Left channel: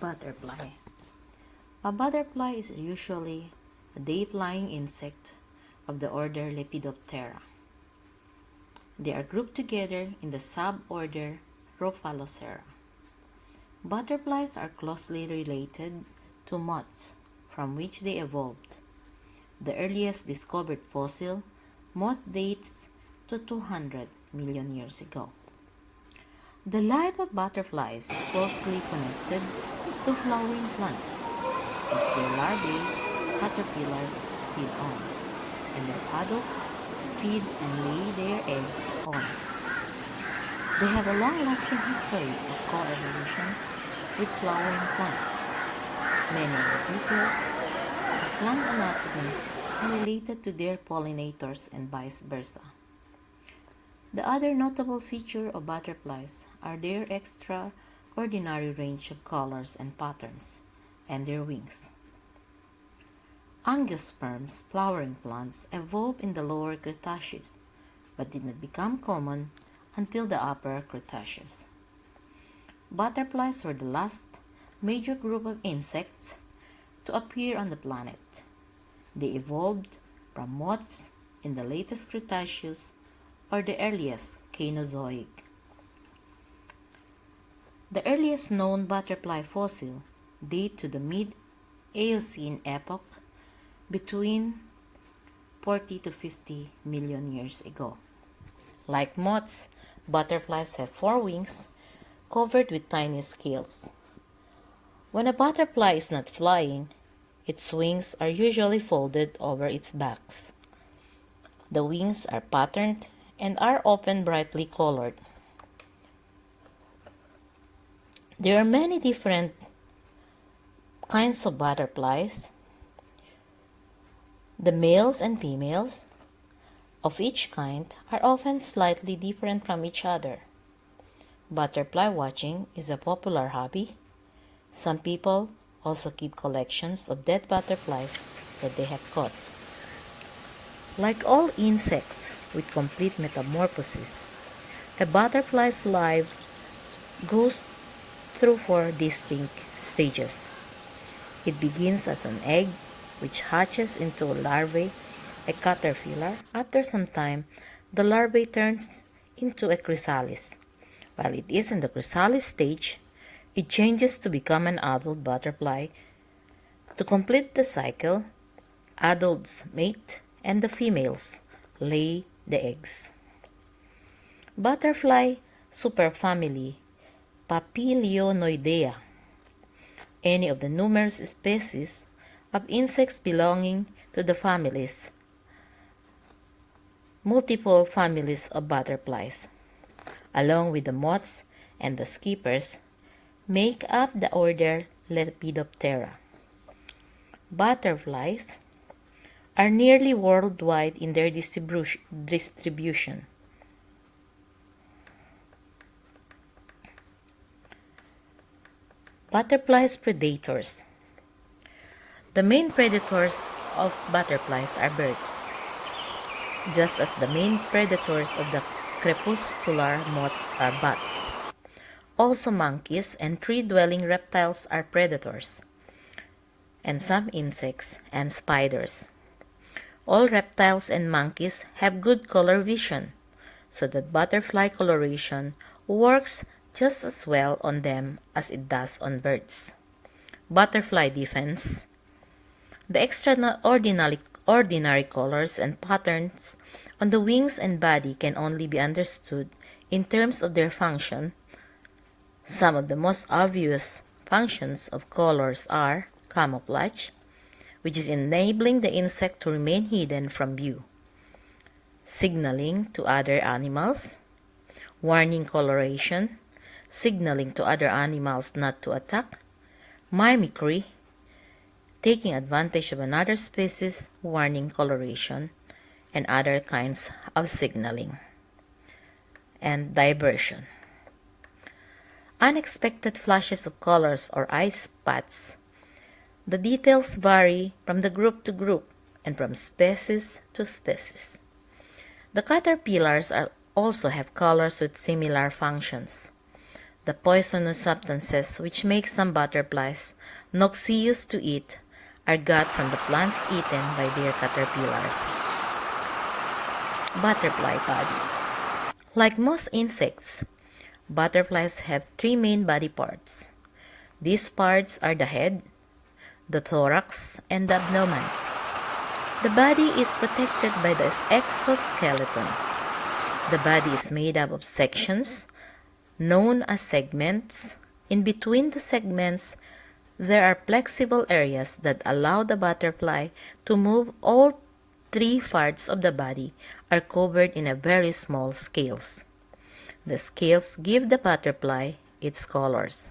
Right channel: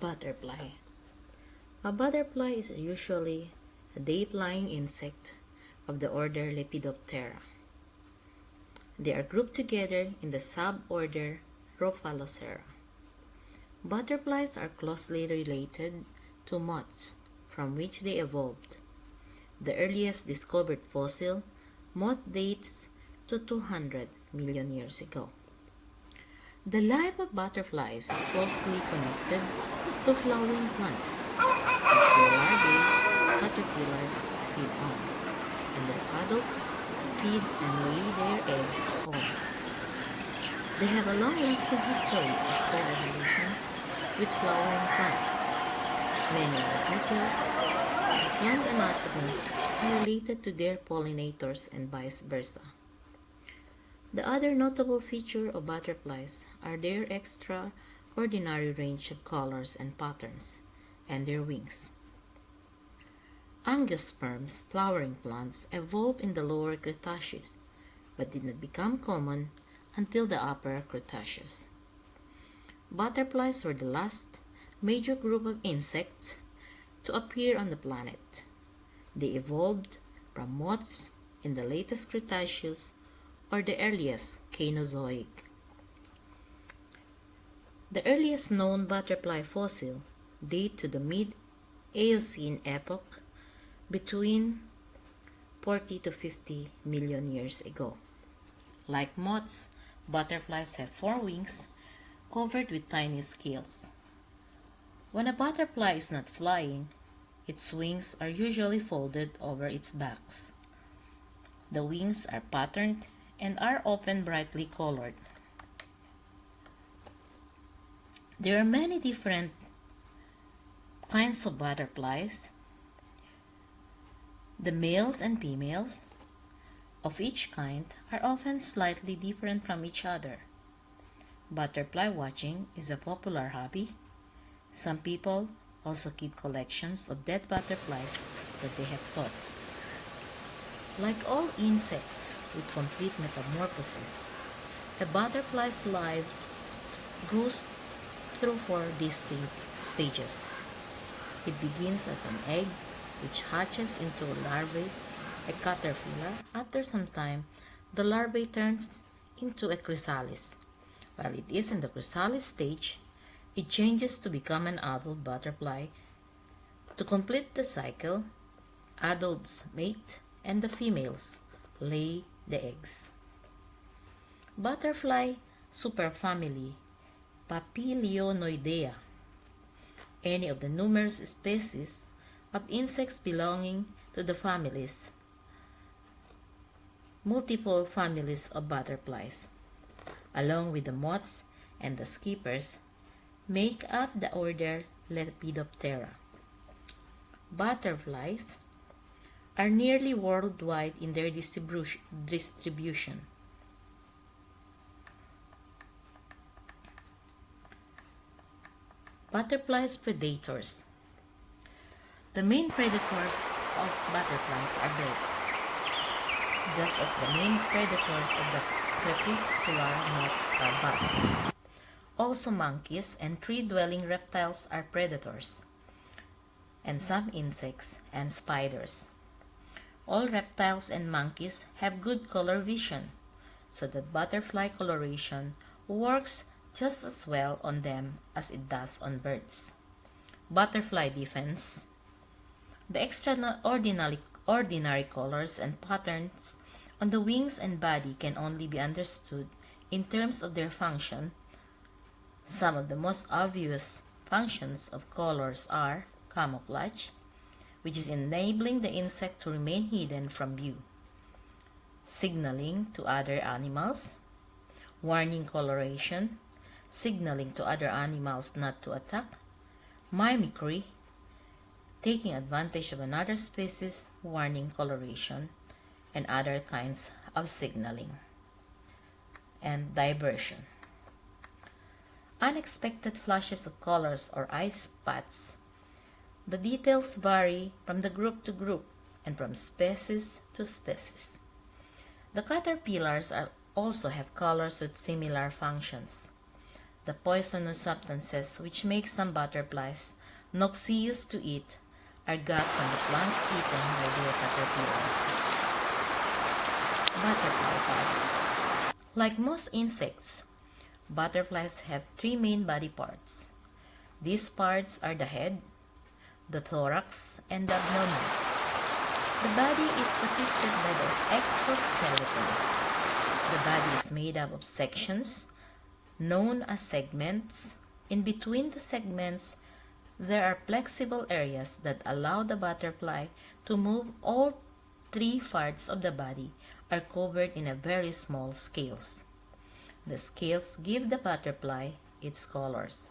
Butterfly. A butterfly is usually a day-flying insect of the order Lepidoptera. They are grouped together in the suborder Rhophalocera. Butterflies are closely related to moths, from which they evolved. The earliest discovered fossil moth dates to 200 million years ago. The life of butterflies is closely connected to flowering plants, which their larvae, caterpillars, feed on, and their adults feed and lay their eggs on. They have a long-lasting history of co-evolution with flowering plants. Many of the details of plant anatomy are related to their pollinators and vice versa. The other notable feature of butterflies are their extraordinary range of colors and patterns, and their wings. Angiosperms flowering plants evolved in the lower Cretaceous, but did not become common until the upper Cretaceous. Butterflies were the last major group of insects to appear on the planet. They evolved from moths in the latest Cretaceous or the earliest Cainozoic. The earliest known butterfly fossil date to the mid-Eocene epoch between 40 to 50 million years ago. Like moths, butterflies have 4 wings covered with tiny scales. When a butterfly is not flying, its wings are usually folded over its backs. The wings are patterned and are often brightly colored. There are many different kinds of butterflies. The males and females of each kind are often slightly different from each other. Butterfly watching is a popular hobby. Some people also keep collections of dead butterflies that they have caught. Like all insects with complete metamorphosis, a butterfly's life goes through 4 distinct stages. It begins as an egg, which hatches into a larvae, a caterpillar. After some time, the larvae turns into a chrysalis. While it is in the chrysalis stage, it changes to become an adult butterfly. To complete the cycle, adults mate and the females lay the eggs. Butterfly superfamily Papilionoidea. Any of the numerous species of insects belonging to the families. Multiple families of butterflies, along with the moths and the skippers, make up the order Lepidoptera. Butterflies are nearly worldwide in their distribution. Butterflies predators. The main predators of butterflies are birds, just as the main predators of the crepuscular moths are bats. Also monkeys and tree-dwelling reptiles are predators, and some insects and spiders. All reptiles and monkeys have good color vision, so that butterfly coloration works just as well on them as it does on birds. Butterfly defense. The extraordinary colors and patterns on the wings and body can only be understood in terms of their function. Some of the most obvious functions of colors are camouflage, which is enabling the insect to remain hidden from view, signaling to other animals, warning coloration, signaling to other animals not to attack, mimicry, taking advantage of another species, warning coloration, and other kinds of signaling, and diversion. Unexpected flashes of colors or eye spots. The details vary from the group to group and from species to species. The caterpillars also have colors with similar functions. The poisonous substances which make some butterflies noxious to eat are got from the plants eaten by their caterpillars. Butterfly body. Like most insects, butterflies have three main body parts. These parts are the head, the thorax, and the abdomen. The body is protected by the exoskeleton. The body is made up of sections known as segments. In between the segments, there are flexible areas that allow the butterfly to move. All three parts of the body are covered in a very small scales. The scales give the butterfly its colors.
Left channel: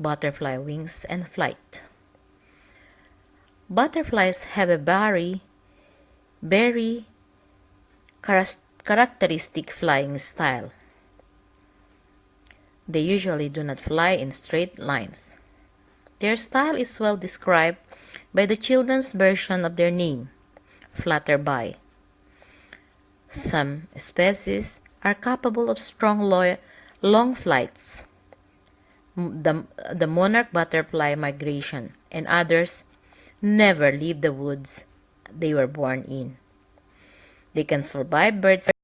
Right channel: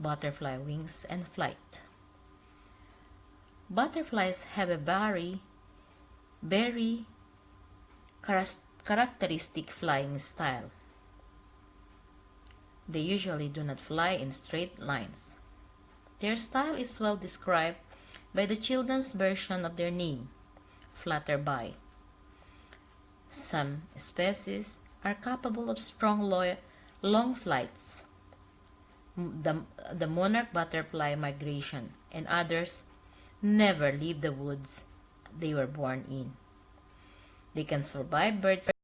Butterfly wings and flight. Butterflies have a very characteristic flying style. They usually do not fly in straight lines. Their style is well described by the children's version of their name, flutterby. Some species are capable of strong long flights, the monarch butterfly migration, and others never leave the woods they were born in. They can survive birds